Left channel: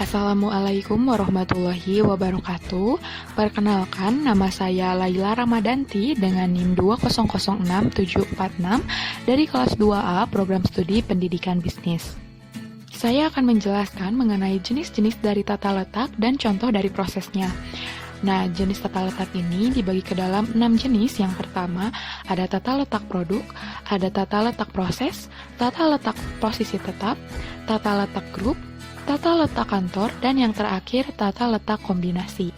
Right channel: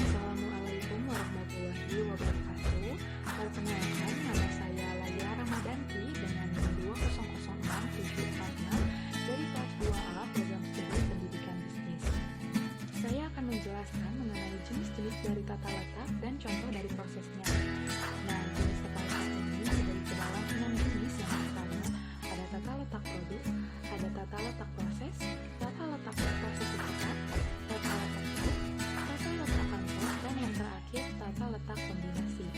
Assalamualaikum warahmatullahi wabarakatuh. Perkenalkan, nama saya Laila Ramadanti dengan NIM 2006746 dari kelas 2A Program Studi Pendidikan Bisnis. Saya akan menjelaskan mengenai jenis-jenis dari tata letak dan contoh dari prosesnya. Nah, jenis tata letak ini dibagi ke dalam 6 jenis. Yang pertama, ada tata letak produk, ada tata letak proses, tata letak posisi tetap, tata letak grup, tata letak kantor, dan yang terakhir, tata letak kombinasi.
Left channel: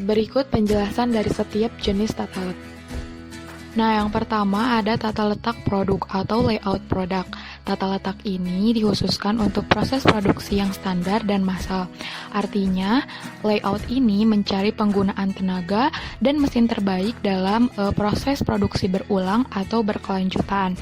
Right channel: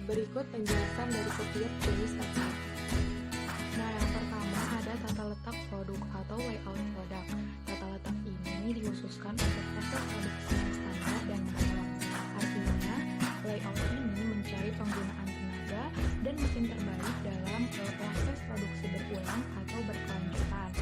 Berikut penjelasan dari setiap jenis tata letak. Nah, yang pertama ada tata letak produk atau layout produk. Tata letak ini dikhususkan untuk proses produksi yang standar dan massal. Artinya, layout ini mencari penggunaan tenaga dan mesin terbaik dalam proses produksi berulang atau berkelanjutan.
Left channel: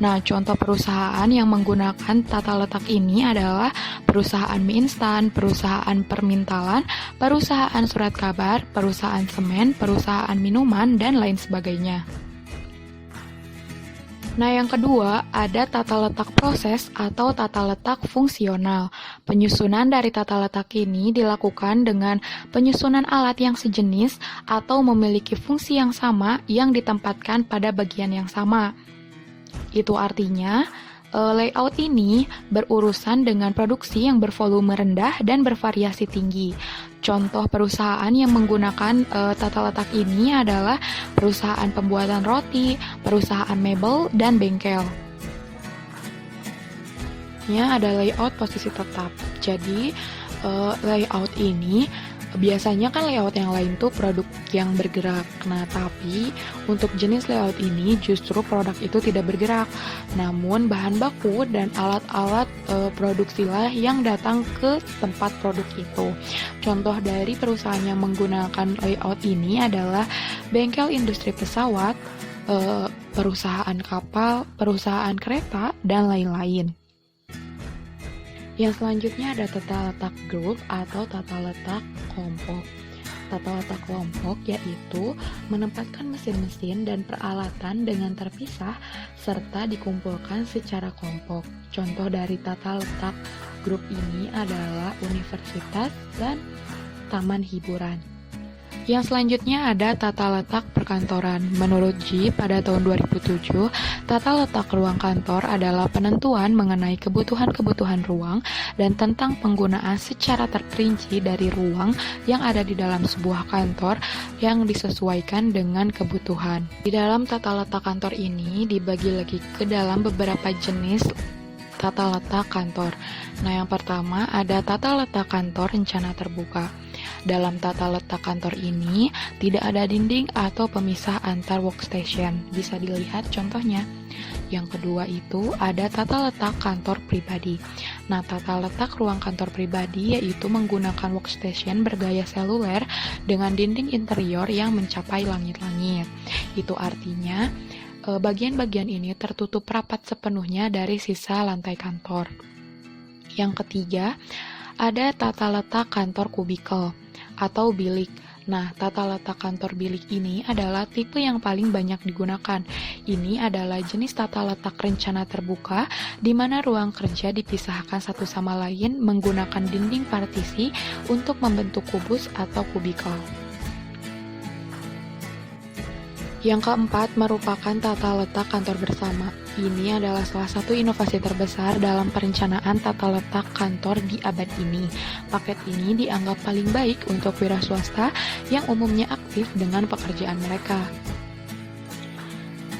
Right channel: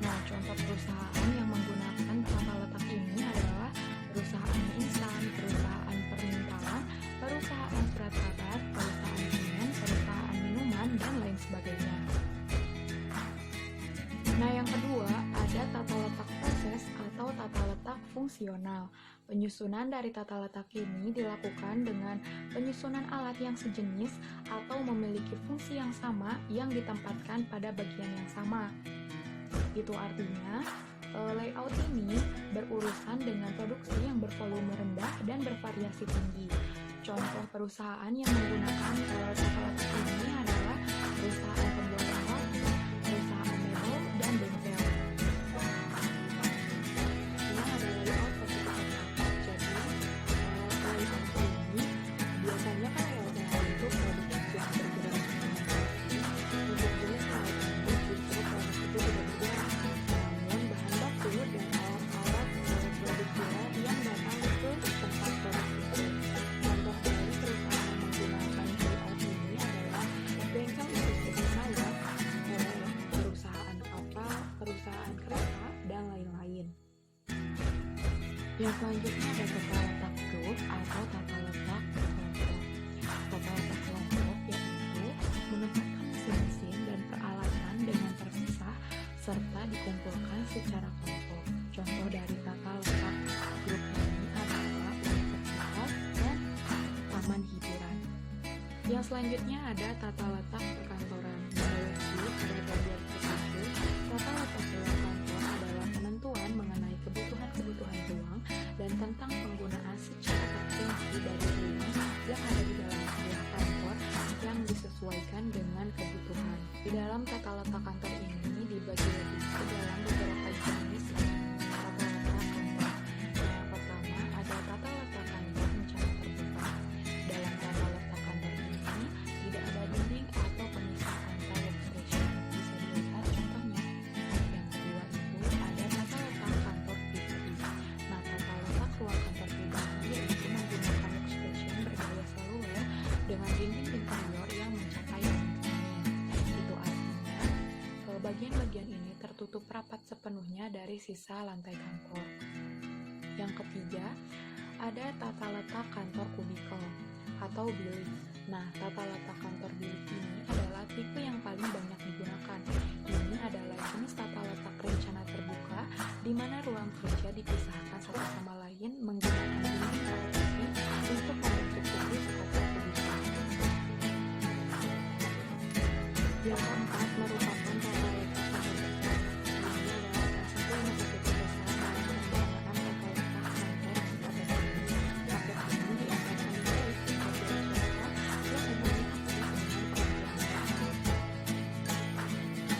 Nah, contoh perusahaan yang menggunakan tata letak ini adalah perusahaan mie instan, perusahaan permintalan, perusahaan surat kabar, perusahaan semen, perusahaan minuman, dan lain sebagainya. Nah, yang kedua, ada tata letak proses atau tata letak fungsional. Penyusunan dari tata letak ini dilakukan dengan penyusunan alat yang sejenis atau memiliki fungsi yang sama yang ditempatkan pada bagian yang sama. Itu artinya, layout ini berurusan dengan produksi yang bervolume rendah dan bervariasi tinggi. Contoh perusahaan yang menggunakan tata letak ini adalah perusahaan pembuatan roti, perusahaan mebel, dan bengkel. Ada layout posisi tetap. Jadi, layout ini biasanya kan layout yang lain tuh produk yang bergerak. Nah, tapi untuk jenis layout ini justru produk itu tidak bergerak. Namun bahan baku dan alat-alat produksilah yang datang ke tempat produk itu. Contoh dari perusahaan yang menggunakan layout ini adalah bengkel industri pesawat, perusahaan kapal, perusahaan kereta, dan lain-lain. Yang selanjutnya ada tata letak grup atau tata letak kelompok. Tata letak kelompok yaitu menempatkan mesin-mesin dan peralatan dengan terpisah serta dikumpulkan secara kelompok. Contoh dari tata letak grup ini adalah universitas dan taman hiburan. Yang selanjutnya ada tata letak perkantoran. Menurut G, pada tahun 2007, tata letak ruang kantor adalah penentuan mengenai kebutuhan-kebutuhan ruang dan tentang penggunaan secara terperinci dari ruang yang ada di dalam sebuah kantor yang disesuaikan dengan kebutuhan. Di dalam tata letak kantor ini dibagi lagi ke dalam beberapa jenis tata letak kantor. Nah, yang pertama ada tata letak kantor rencana terbuka. Dalam tata letak kantor ini tidak ada dinding atau pemisah antar workstation. Bisa dilihat contohnya. Yang kedua itu ada tata letak kantor pribadi. Nah, tata letak ruang kantor pribadi yaitu menggunakan workstation bergaya seluler dengan dinding interior yang mencapai langit-langit. Itu artinya bagian-bagian ini tertutup rapat sepenuhnya dari sisa lantai kantor. Yang ketiga, ada tata letak kantor kubikel atau bilik. Nah, tata letak kantor bilik ini adalah tipe yang paling banyak digunakan. Ini adalah jenis tata letak rencana terbuka, di mana ruang kerja dipisahkan satu sama lain menggunakan dinding partisi untuk membentuk kubus atau kubikel. Yang keempat merupakan tata letak kantor bersama. Ini adalah salah satu inovasi terbesar dalam perencanaan tata letak kantor di abad ini. Paket ini dianggap paling baik untuk wira swasta yang umumnya aktif dengan pekerjaan mereka.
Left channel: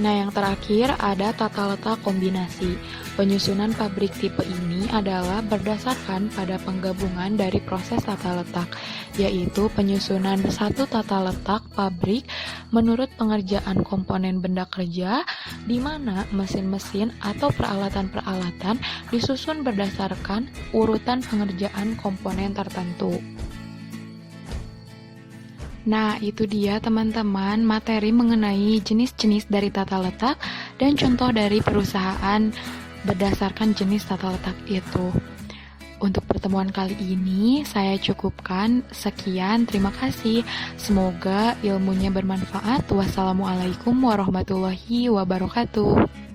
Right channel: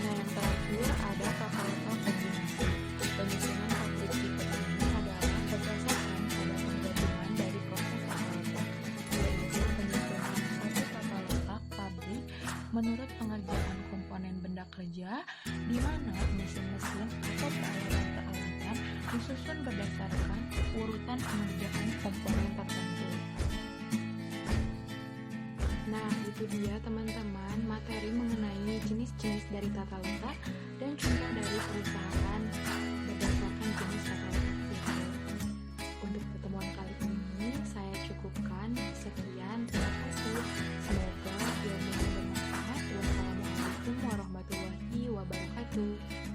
Nah, yang terakhir ada tata letak kombinasi. Penyusunan pabrik tipe ini adalah berdasarkan pada penggabungan dari proses tata letak, yaitu penyusunan satu tata letak pabrik menurut pengerjaan komponen benda kerja, di mana mesin-mesin atau peralatan-peralatan disusun berdasarkan urutan pengerjaan komponen tertentu. Nah, itu dia teman-teman materi mengenai jenis-jenis dari tata letak dan contoh dari perusahaan berdasarkan jenis tata letak itu. Untuk pertemuan kali ini saya cukupkan. Sekian, terima kasih. Semoga ilmunya bermanfaat. Wassalamualaikum warahmatullahi wabarakatuh.